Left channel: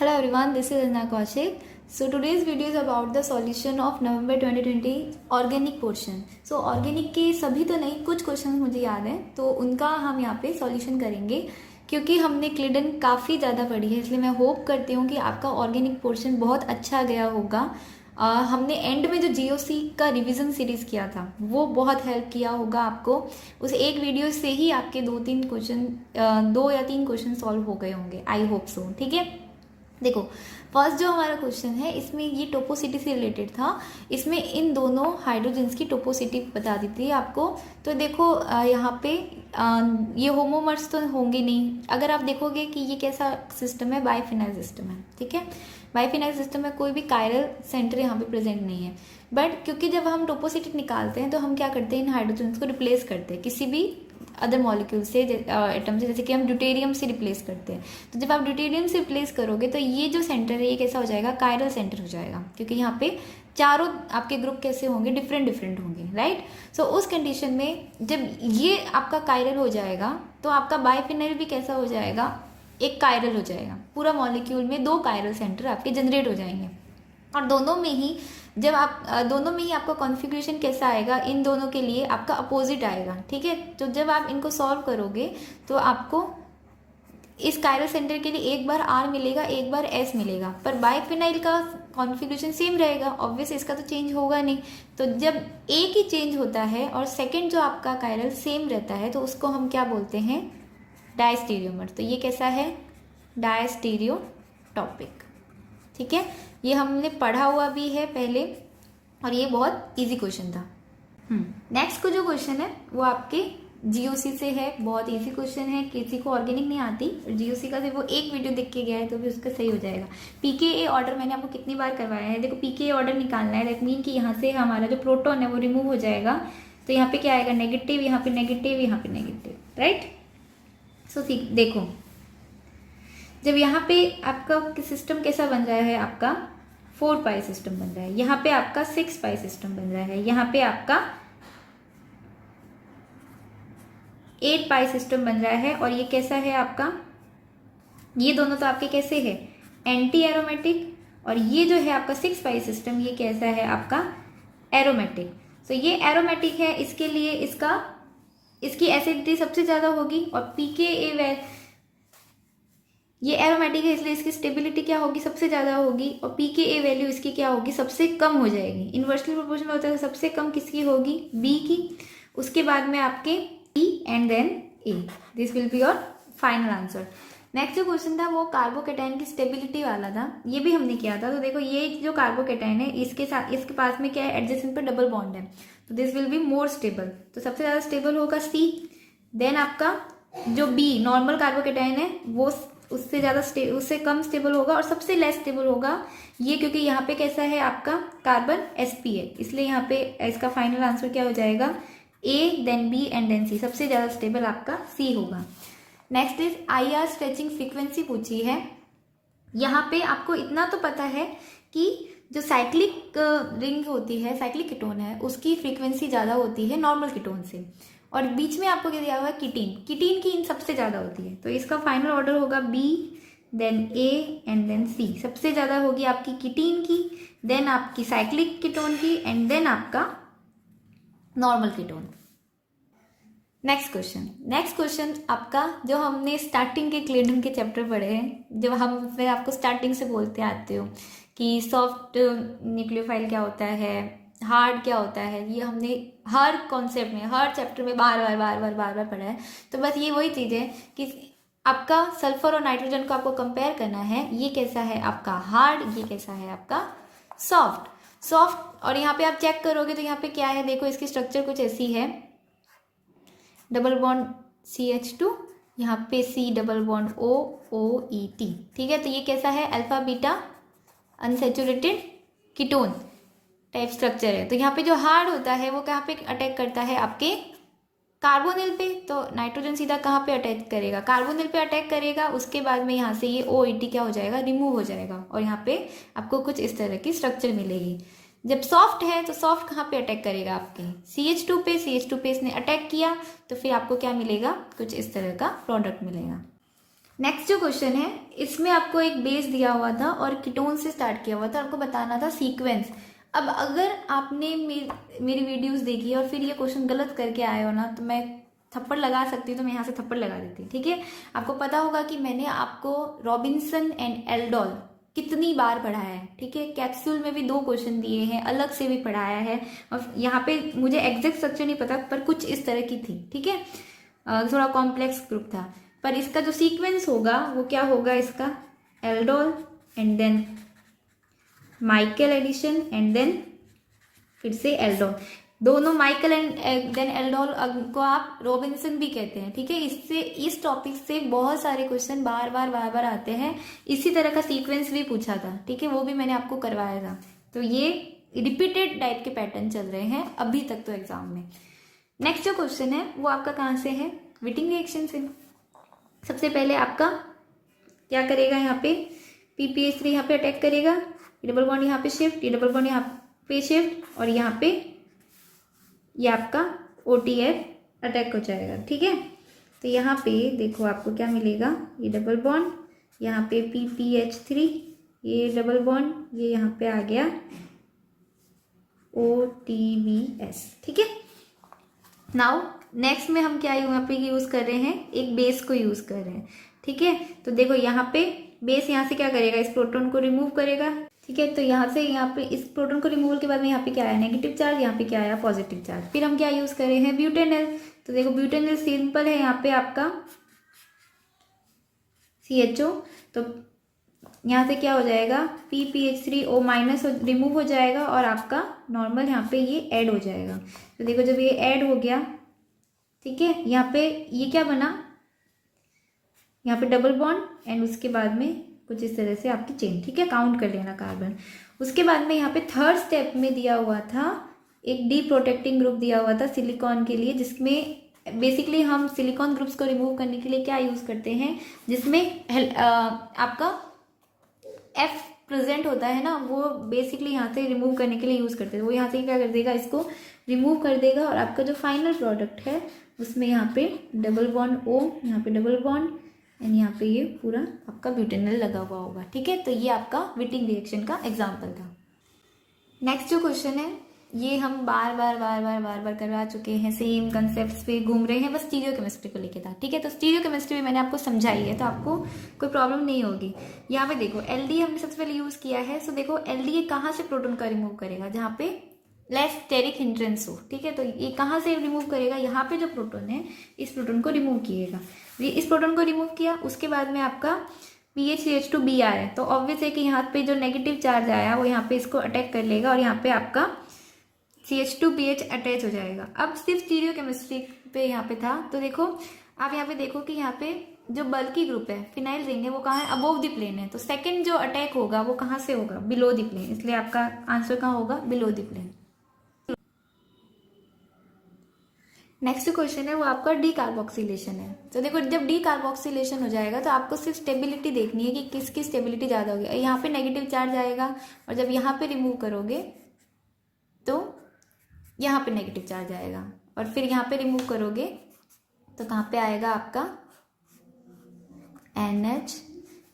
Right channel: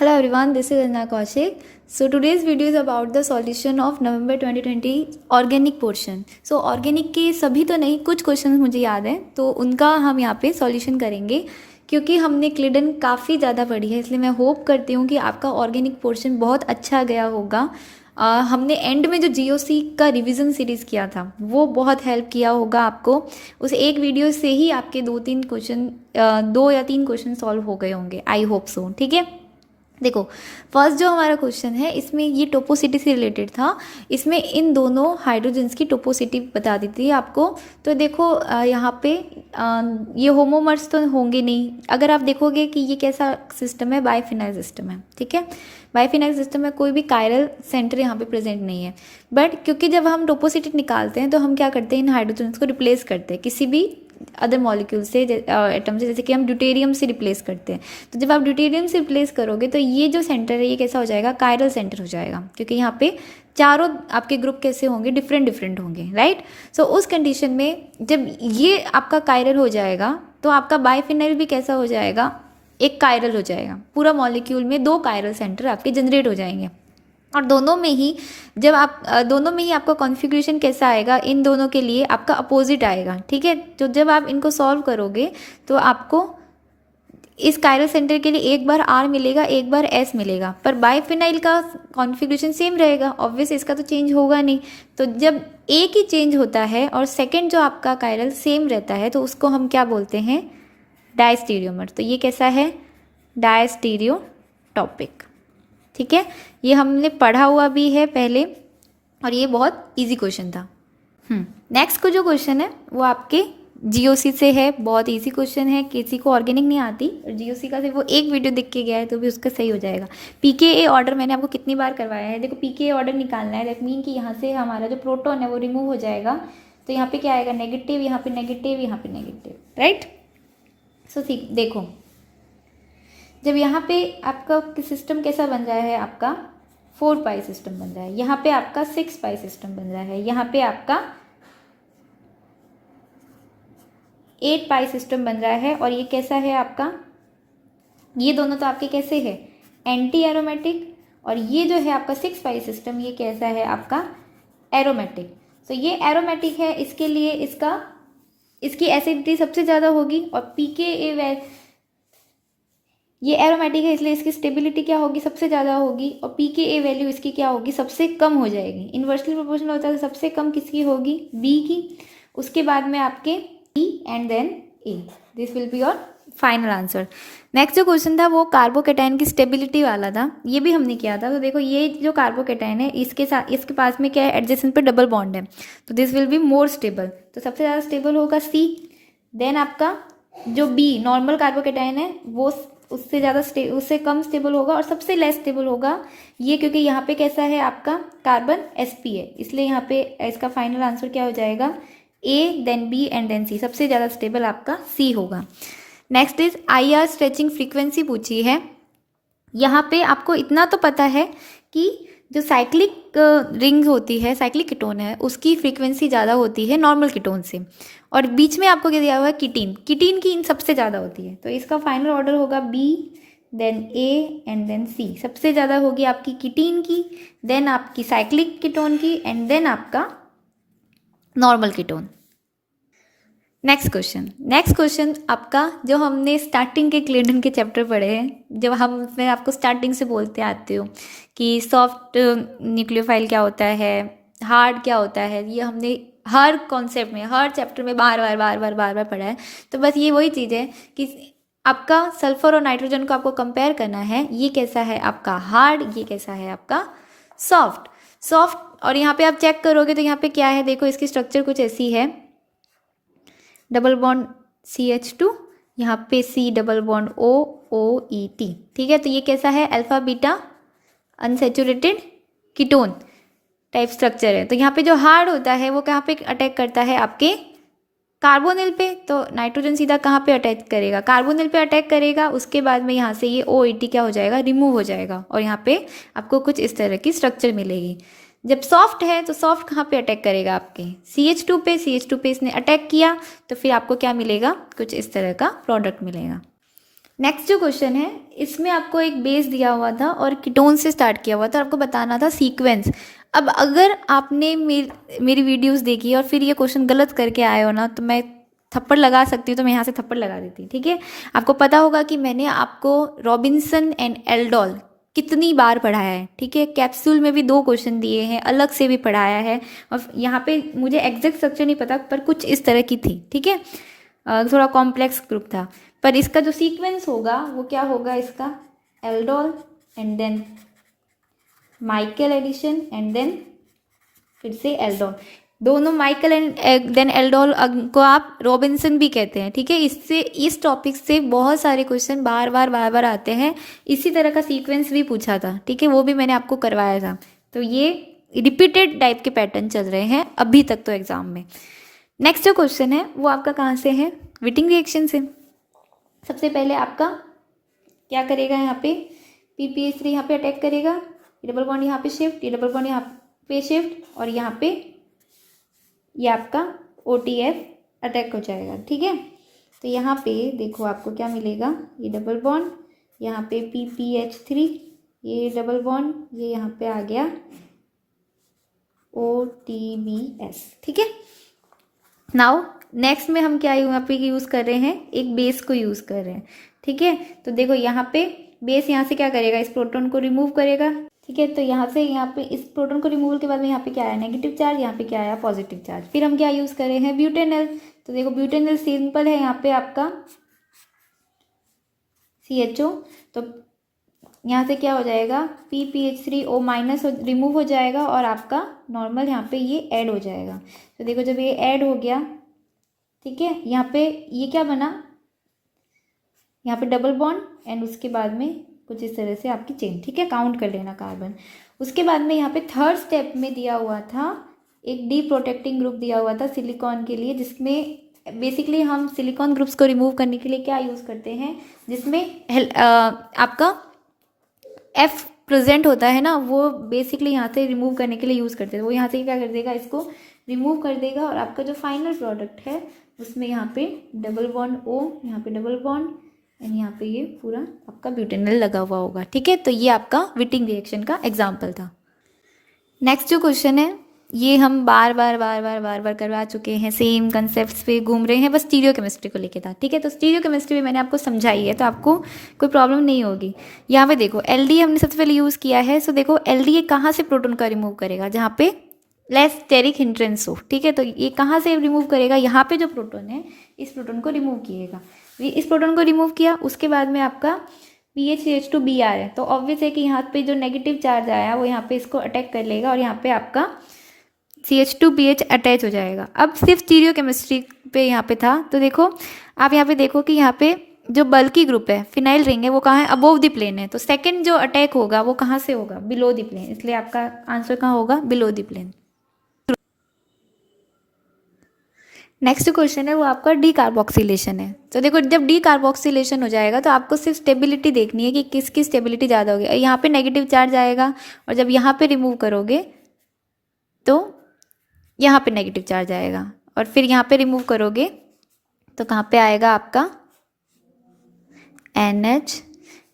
Hello everyone, this is Anna Kaushik. So today's video is about the solution of November 2020 organic portion. So organic के सभी तो नहीं, कुछ question मुझे याद हैं तो उनका हम यहाँ पे सॉल्यूशन करेंगे क्योंकि हमने क्लिडन काफ़ी ज़्यादा पढ़ी है, इसलिए मैं होप करती हूँ कि आपका ऑर्गेनिक पोर्शन बहुत अच्छा गया होगा। हमने एंड में जो जीओसी का रिवीजन सीरीज़ किया था वो बहुत हेल्प किया होगा आपको। उस एक वीडियो से ही आपके दो या तीन क्वेश्चन सॉल्व हो गए होंगे, आई होप सो। ठीक है, देखो फर्स्ट जो हमारा क्वेश्चन है इसमें ये टोपोसिटी से रिलेटेड था। इसमें इन दोनों हाइड्रोजन्स की टोपोसिटी बता दी थी आपको। तो देखो यहाँ पे ये होमोमर्स तो होंगे नहीं। अगर आप देखोगे कि ये कैसा सिस्टम है, बाइफिनाइल सिस्टम है। ठीक है, बाइफिनाइल सिस्टम में कोई भी कायरल सेंटर यहाँ पे प्रेजेंट नहीं है। बट क्योंकि जब हम टोपोसिटी निकालते हैं तो हम क्या करते हैं, इन हाइड्रोजन्स को रिप्लेस करते हैं किसी भी अदर मॉलिक्यूल से, एटम से, जैसे कि हम ड्यूटेरियम से रिप्लेस करते हैं। तो जब आप ड्यूटेरियम से रिप्लेस करोगे तो ये जो सेंटर है ये कैसा हो जाएगा, कायरल सेंटर हो जाएगा, क्योंकि यहाँ पे चारों आपके ग्रुप कैसे होंगे, डिफरेंट डिफरेंट होंगे, राइट। सो उस कंडीशन में जब ये आपका कायरल हो जाएगा तो आपका बाइफिनाइल भी कैसा हो जाएगा, एक कायरल हो जाएगा। पूरा मॉलिक्यूल में दो कायरल सेंटर आपके जनरेट हो जाएंगे। और दोनों में ही आपका कॉन्फ़िगरेशन कैसा आएगा, इन दोनों के लिए आपका अपोजिट आएगा। ठीक है, तो जब आप इनको सॉल्व करोगे तो आपको इस कायरल सेंटर के लिए एक बार R मिलेगा, एक बार S मिलेगा, पर बाइफिनाइल का कॉन्फ़िगरेशन सेम रहेगा। ऑब्वियस इसका तो चेंज होगा नहीं। तो जब एक ही चेंज होता है और सेकेंड जो आपका कायरल सेम रहता है तो उसको हम क्या बोलते हैं, डायस्टीरियोमर। तो ये कैसा है, डायस्टीरियोटॉपिक। ठीक है, ये हमने पढ़ा हुआ भी है पहले और ये बहुत इजी क्वेश्चन था। नेक्स्ट को जो क्वेश्चन है वो आपके जीओसी से है। बहुत इजी क्वेश्चन है, किसी को ऑर्गेनिक नहीं आती और जीओसी का सिर्फ वो एक वीडियो देख के गया है तो भी उसका सही हो जाएगा। पीकेए ऑर्डर मैंने आपको कितनी बार करवाया है। देखो पीकेए ऑर्डर निकालना है, दैट मीन कि यहाँ से हमारा जो प्रोटॉन है वो रिमूव हो जाएगा। तो यहाँ पे क्या आएगा, नेगेटिव, यहाँ पे नेगेटिव, यहाँ पे नेगेटिव, राइट। सो देखो जब यहाँ पे आपका सिस्टम कैसा बन रहा है, आपका 4 पाई सिस्टम बन रहा है, यहाँ पे आपका 6 पाई सिस्टम बन रहा है, यहाँ पे आपका 8 पाई सिस्टम बन रहा है। और ये कैसा है आपका, ये दोनों तो आपके कैसे है, एंटी एरोमेटिक। और ये जो है आपका 6 पाई सिस्टम, ये कैसा है आपका, एरोमेटिक। तो ये एरोमेटिक है, इसके लिए इसकी एसिडिटी सबसे ज़्यादा होगी। और पीकेए ये एरोमेटिक है इसलिए इसकी स्टेबिलिटी क्या होगी, सबसे ज़्यादा होगी। और पीकेए वैल्यू इसकी क्या होगी, सबसे कम हो जाएगी। इन्वर्सली प्रोपोर्शनल होता है, सबसे कम किसकी होगी, बी की। उसके बाद में आपके E and then A. This will be your final answer. Next जो क्वेश्चन था वो कार्बोकेटाइन की स्टेबिलिटी वाला था, ये भी हमने किया था। तो देखो ये जो कार्बोकेटाइन है इसके पास में क्या है, एडजेसेंट पे डबल बॉन्ड है, तो this will be more stable. तो सबसे ज़्यादा स्टेबल होगा सी। देन आपका जो बी नॉर्मल कार्बोकेटाइन है वो उससे कम स्टेबल होगा। और सबसे लेस स्टेबल होगा ये, क्योंकि यहाँ पे कैसा है आपका कार्बन sp है, इसलिए यहाँ पे इसका फाइनल आंसर क्या हो जाएगा, A then B and then C। सबसे ज़्यादा स्टेबल आपका C होगा। Next is IR stretching frequency पूछी है। यहाँ पे आपको इतना तो पता है कि जो साइक्लिक रिंग होती है, साइक्लिक कीटोन है, उसकी फ्रीक्वेंसी ज़्यादा होती है नॉर्मल कीटोन से। और बीच में आपको क्या दिया हुआ है, कीटीन की इन सबसे ज़्यादा होती है। तो इसका फाइनल ऑर्डर होगा B then A and then C। सबसे ज़्यादा होगी आपकी कीटीन की, देन आपकी साइक्लिक कीटोन की एंड देन आपका नॉर्मल कीटोन। नेक्स्ट क्वेश्चन आपका जो हमने स्टार्टिंग के क्लिडन के चैप्टर पढ़े हैं, जब मैं आपको स्टार्टिंग से बोलते आते हो कि सॉफ्ट न्यूक्लियोफाइल क्या होता है, हार्ड क्या होता है, ये हमने हर कॉन्सेप्ट में, हर चैप्टर में बार बार पढ़ा है। तो बस ये वही चीज़ है कि आपका सल्फर और नाइट्रोजन को आपको कंपेयर करना है। ये कैसा है आपका हार्ड, ये कैसा है आपका सॉफ्ट। और यहाँ पे आप चेक करोगे तो यहाँ पे क्या है, देखो इसकी स्ट्रक्चर कुछ ऐसी है, डबल बॉन्ड CH2, यहाँ पे C डबल बॉन्ड OOET। ठीक है, तो ये कैसा है, alpha beta unsaturated ketone type structure है। तो यहाँ पे जो हार्ड होता है वो कहाँ पे अटैक करता है, आपके कार्बोनिल पे। तो नाइट्रोजन सीधा कहाँ पे अटैक करेगा, कार्बोनिल पे अटैक करेगा। उसके बाद में यहाँ से ये OET क्या हो जाएगा, रिमूव हो जाएगा और यहाँ पे आपको कुछ इस तरह की स्ट्रक्चर मिलेगी। जब सॉफ्ट है तो सॉफ्ट कहाँ पे अटैक करेगा, आपके CH2 पे इसने अटैक किया तो फिर आपको क्या मिलेगा, कुछ इस तरह का प्रोडक्ट मिलेगा। नेक्स्ट जो क्वेश्चन है, इसमें आपको एक बेस दिया हुआ था और कीटोन से स्टार्ट किया हुआ था, आपको बताना था सीक्वेंस। अब अगर आपने मेरी वीडियोस देखी और फिर ये क्वेश्चन गलत करके आए हो ना, तो मैं थप्पड़ लगा सकती हूँ, तो मैं यहाँ से थप्पड़ लगा देती, ठीक है। आपको पता होगा कि मैंने आपको रॉबिन्सन एंड एल्डोल कितनी बार पढ़ाया है, ठीक है। कैप्सूल में भी 2 क्वेश्चन दिए हैं, अलग से भी पढ़ाया है, और यहाँ पे मुझे एग्जैक्ट स्ट्रक्चर नहीं पता, पर कुछ इस तरह की थी, ठीक है। थोड़ा कॉम्प्लेक्स ग्रुप था, पर इसका जो सीक्वेंस होगा वो क्या होगा, इसका aldol and then Michael addition and then फिर से एल्डोल, दोनों माइकल एंड देन एल्डोल को आप रॉबिन्सन भी कहते हैं, ठीक है। इससे इस टॉपिक से बहुत सारे क्वेश्चन बार बार आते हैं। इसी तरह का सीक्वेंस भी पूछा था, ठीक है, वो भी मैंने आपको करवाया था। तो ये रिपीटेड टाइप के पैटर्न चल रहे हैं अभी तक तो एग्जाम में। नेक्स्ट जो क्वेश्चन है वो आपका कहाँ से है, विटिंग रिएक्शन से। सबसे पहले आपका क्या करेगा, यहाँ पे PPH3 यहाँ पे अटैक करेगा, डबल बॉन्ड यहाँ पे शिफ्ट, ये डबल बॉन्ड यहाँ पे शिफ्ट, और यहाँ पे ये आपका OTF अटैक हो जाएगा, ठीक है। तो यहाँ पे देखो आपको क्या मिलेगा, ये डबल बॉन्ड, यहाँ पे PPH3, ये डबल बॉन्ड, ये यहाँ पे आ गया OTBS, ठीक है। नाउ नेक्स्ट में हम क्या यहाँ पे यूज़ कर रहे हैं, एक बेस को यूज़ कर रहे हैं, ठीक है। तो देखो यहाँ पे बेस यहाँ से क्या करेगा, इस प्रोटॉन को रिमूव करेगा, ठीक है। तो यहाँ से यहाँ पे इस प्रोटॉन को रिमूवल के बाद में यहाँ पे क्या आया, नेगेटिव चार्ज, यहाँ पे क्या आया, पॉजिटिव चार्ज। फिर हम क्या यूज़ कर रहे हैं, ब्यूटेनल। तो देखो ब्यूटेनल सिंपल है, यहाँ पे आपका CHO, तो यहाँ से क्या हो जाएगा, PPH3O माइनस रिमूव हो जाएगा, और आपका नॉर्मल यहाँ पे ये ऐड हो जाएगा। तो देखो जब ये ऐड हो गया, ठीक है, यहाँ पे ये क्या बना, यहाँ पे डबल बॉन्ड एंड उसके बाद में कुछ इस तरह से आपकी चेन, ठीक है, काउंट कर लेना कार्बन। उसके बाद में यहाँ पे थर्ड स्टेप में दिया हुआ था एक डी प्रोटेक्टिंग ग्रुप दिया हुआ था सिलिकॉन के लिए, जिसमें बेसिकली हम सिलिकॉन ग्रुप्स को रिमूव करने के लिए क्या यूज़ करते हैं, जिसमें आपका F प्रेजेंट होता है ना, वो बेसिकली यहाँ से रिमूव करने के लिए यूज़ करते हैं। वो यहाँ से क्या कर देगा, इसको रिमूव कर देगा, और आपका जो फाइनल प्रोडक्ट है उसमें यहाँ पे डबल बॉन्ड O, यहाँ पे डबल बॉन्ड एंड यहाँ पे ये पूरा आपका ब्यूटेनल लगा हुआ होगा, ठीक है। तो ये आपका विटिंग रिएक्शन का एग्जाम्पल था। नेक्स्ट जो क्वेश्चन है, ये हम बार बार करवा चुके हैं, सेम कंसेप्ट्स पे घूम रहे हैं, बस स्टीरियो केमिस्ट्री को लेके था, ठीक है। तो स्टीरियो केमिस्ट्री में मैंने आपको समझाई है, तो आपको कोई प्रॉब्लम नहीं होगी। यहाँ पे देखो LD हमने सबसे पहले यूज़ किया है। सो देखो LD ये कहाँ से प्रोटॉन का रिमूव करेगा, जहाँ पे लेस स्टेरिक हिंड्रेंस हो, ठीक है। तो ये कहाँ से रिमूव करेगा, यहाँ पे जो प्रोटॉन है इस प्रोटॉन को रिमूव किएगा। इस प्रोटॉन को रिमूव किया, उसके बाद में आपका PHCH2B आ रहा है, तो ऑब्वियस है कि यहाँ पे जो नेगेटिव चार्ज आया वो यहाँ पे इसको अटैक कर लेगा, और यहाँ पे आपका CH2BH अटैच हो जाएगा। अब सिर्फ स्टीरियो केमिस्ट्री पे यहाँ पे था, तो देखो आप यहाँ पे देखो कि यहाँ पे जो बल्की ग्रुप है, फिनाइल रिंग है, वो कहाँ है, अबोव द प्लेन है। तो सेकंड जो अटैक होगा वो कहाँ से होगा, बिलो द प्लेन, इसलिए आपका आंसर कहाँ होगा, below the plane. Next question है वो आपका डी कार्बोक्सिलेशन है। तो देखो जब डी कार्बोक्सिलेशन हो जाएगा तो आपको सिर्फ स्टेबिलिटी देखनी है कि किसकी स्टेबिलिटी ज़्यादा होगी। यहाँ पे नेगेटिव चार्ज आएगा, और जब यहाँ पे रिमूव करोगे तो यहाँ पे नेगेटिव चार्ज आएगा, और फिर यहाँ पे रिमूव करोगे तो कहाँ पे आएगा आपका NH,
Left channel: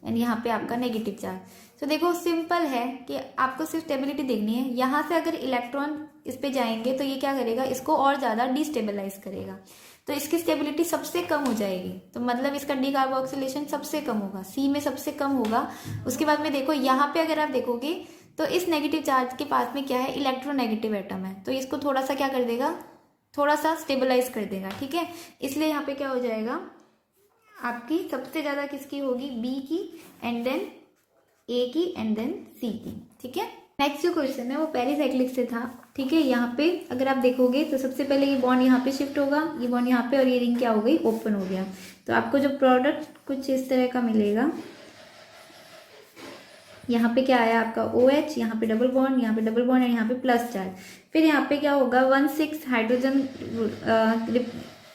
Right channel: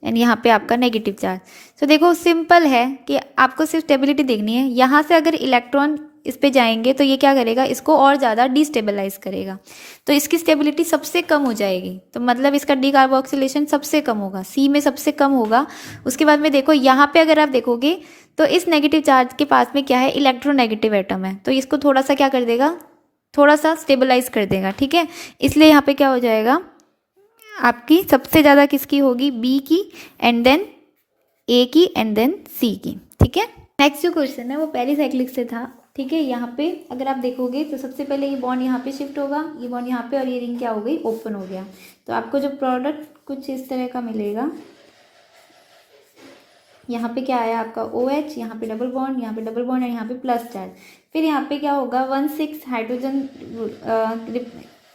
एंड यहाँ पे आपका नेगेटिव चार्ज। तो देखो सिंपल है कि आपको सिर्फ स्टेबिलिटी देखनी है। यहाँ से अगर इलेक्ट्रॉन इस पे जाएंगे तो ये क्या करेगा, इसको और ज़्यादा डिस्टेबलाइज करेगा, तो इसकी स्टेबिलिटी सबसे कम हो जाएगी। तो मतलब इसका डी कार्बोक्सिलेशन सबसे कम होगा, C में सबसे कम होगा। उसके बाद में देखो यहाँ पे अगर आप देखोगे तो इस नेगेटिव चार्ज के पास में क्या है, इलेक्ट्रोनेगेटिव एटम है, तो इसको थोड़ा सा क्या कर देगा, थोड़ा सा स्टेबलाइज कर देगा, ठीक है। इसलिए यहाँ पे क्या हो जाएगा, आपकी सबसे ज़्यादा किसकी होगी, B की, एंड देन A की, एंड देन C की, ठीक है। नेक्स्ट जो क्वेश्चन है वो पेरीसाइक्लिक से था, ठीक है। यहाँ पे अगर आप देखोगे तो सबसे पहले ये बॉन्ड यहाँ पे शिफ्ट होगा, ये बॉन्ड यहाँ पे, और ये रिंग क्या हो गई, ओपन हो गया। तो आपको जो प्रोडक्ट कुछ इस तरह का मिलेगा, यहाँ पे क्या आया आपका OH, यहाँ पे डबल बॉन्ड, यहाँ पे डबल बॉन्ड, और यहाँ पे प्लस चार्ज। फिर यहाँ पे क्या होगा, 1,6 हाइड्रोजन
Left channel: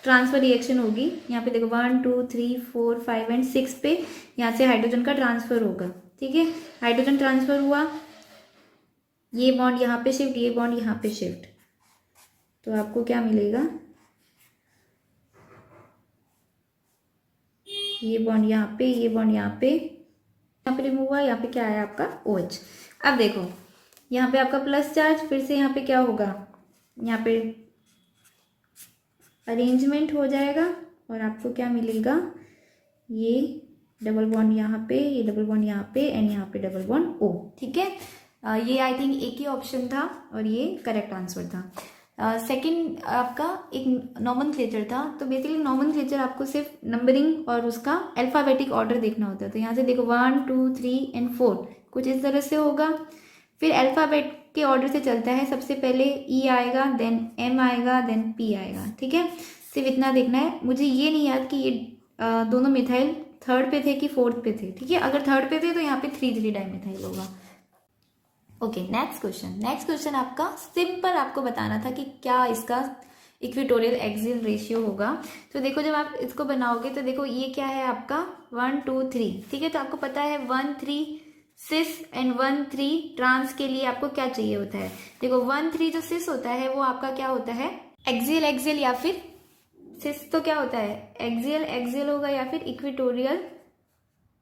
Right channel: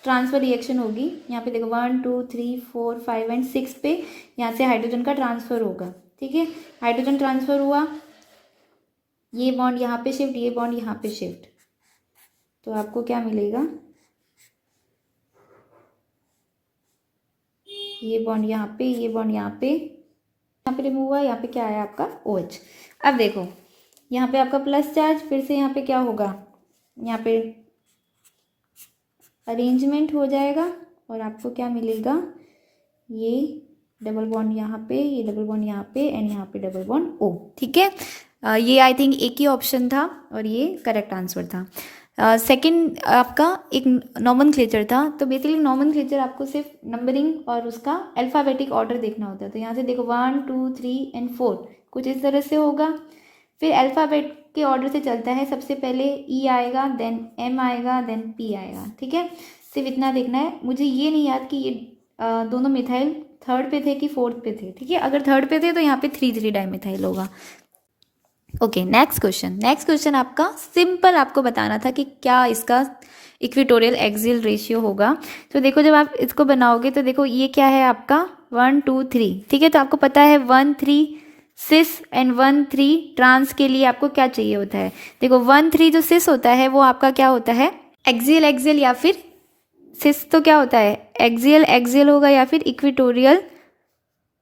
ट्रांसफर रिएक्शन होगी। यहाँ पे देखो 1 2 3 4 5 एंड 6 पे यहाँ से हाइड्रोजन का ट्रांसफ़र होगा, ठीक है। हाइड्रोजन ट्रांसफ़र हुआ, ये बॉन्ड यहाँ पे शिफ्ट, ये बॉन्ड यहाँ पे शिफ्ट, तो आपको क्या मिलेगा, ये बॉन्ड यहाँ पे, ये बॉन्ड यहाँ पे रिमूव हुआ, यहाँ पे क्या आया आपका OH। अब देखो यहाँ पे आपका प्लस चार्ज, फिर से यहाँ पे क्या होगा, यहाँ पे अरेंजमेंट हो जाएगा और आपको क्या मिलेगा, ये डबल बॉन्ड यहाँ पे, ये डबल बॉन्ड यहाँ पे एंड यहाँ पे डबल बॉन्ड O। ठीक है, ये आई थिंक एक ही ऑप्शन था और ये करेक्ट आंसर था। सेकंड आपका एक नॉमेनक्लेचर था। तो बेसिकली नॉमेनक्लेचर आपको सिर्फ नंबरिंग और उसका अल्फ़ाबेटिक ऑर्डर देखना होता है। तो यहाँ से देखो 1 2 3 एंड 4 कुछ इस तरह से होगा। फिर अल्फ़ाबेट के ऑर्डर से चलता है, सबसे पहले E आएगा, देन M आएगा, देन P आएगा। ठीक है, सिर्फ इतना देखना है। मुझे ये नहीं याद कि ये दोनों मिथाइल थर्ड पे थे कि फोर्थ पे थे। ठीक है, अगर थर्ड पे थे तो यहाँ पे 3,3 डाइमिथाइल होगा। ओके, नेक्स्ट क्वेश्चन आपका सिंपल आपको बताना था कि क्या इसका इक्वेटोरियल एक्सियल रेशियो होगा। तो देखो जब आप इसको बनाओगे तो देखो ये क्या है आपका 1 2 3। ठीक है, तो आपको पता है 1 3 सिस एंड 1 3 ट्रांस के लिए आपको क्या चाहिए होता है। देखो 1 3 जो सिस होता है वो आपका क्या होता है, एक्सियल या फिर सिस तो क्या होता है, एक्सियल होगा या फिर इक्वेटोरियल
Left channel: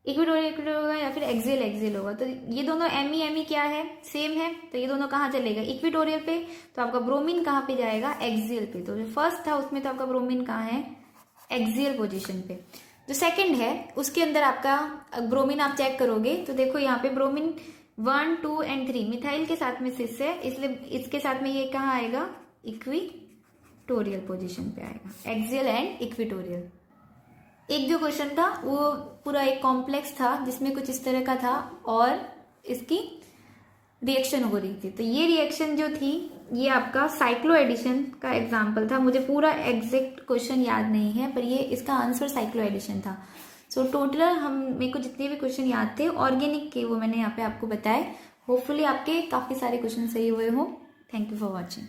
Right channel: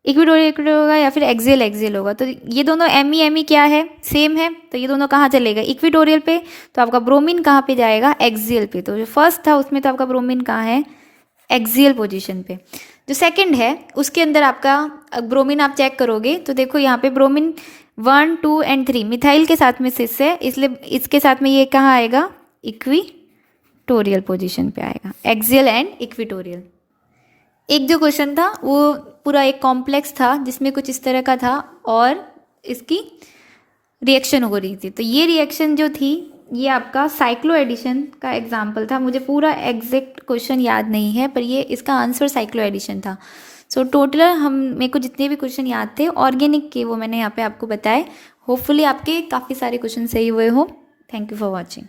होगा या फिर एक्सियल होगा। तो ये दोनों एम क्या है, सेम है। तो ये दोनों कहाँ चलेगा, इक्वेटोरियल पे। तो आपका ब्रोमीन कहाँ पे जाएगा, एक्सियल पे। तो जो फर्स्ट था उसमें तो आपका ब्रोमीन कहाँ है, एक्सियल पोजीशन पे। जो सेकंड है उसके अंदर आपका ब्रोमीन आप चेक करोगे तो देखो यहाँ पे ब्रोमीन 1 2 एंड 3 मिथाइल के साथ में सिस है, इसलिए इसके साथ में ये कहाँ आएगा, इक्वेटोरियल पोजीशन पे आएगा, एक्सियल एंड इक्वेटोरियल। एक जो क्वेश्चन था वो पूरा एक कॉम्प्लेक्स था जिसमें कुछ इस तरह का था और इसकी रिएक्शन हो रही थी। तो ये रिएक्शन जो थी ये आपका साइक्लो एडिशन का एग्जाम्पल था। मुझे पूरा एग्जैक्ट क्वेश्चन याद नहीं है पर ये इसका आंसर साइक्लो एडिशन था। सो टोटल हम मेरे को जितने भी क्वेश्चन याद थे ऑर्गेनिक के वो मैंने यहाँ पे आपको बताए। होपफुली आपके काफ़ी सारे क्वेश्चन सही हुए हो। Thank you for watching.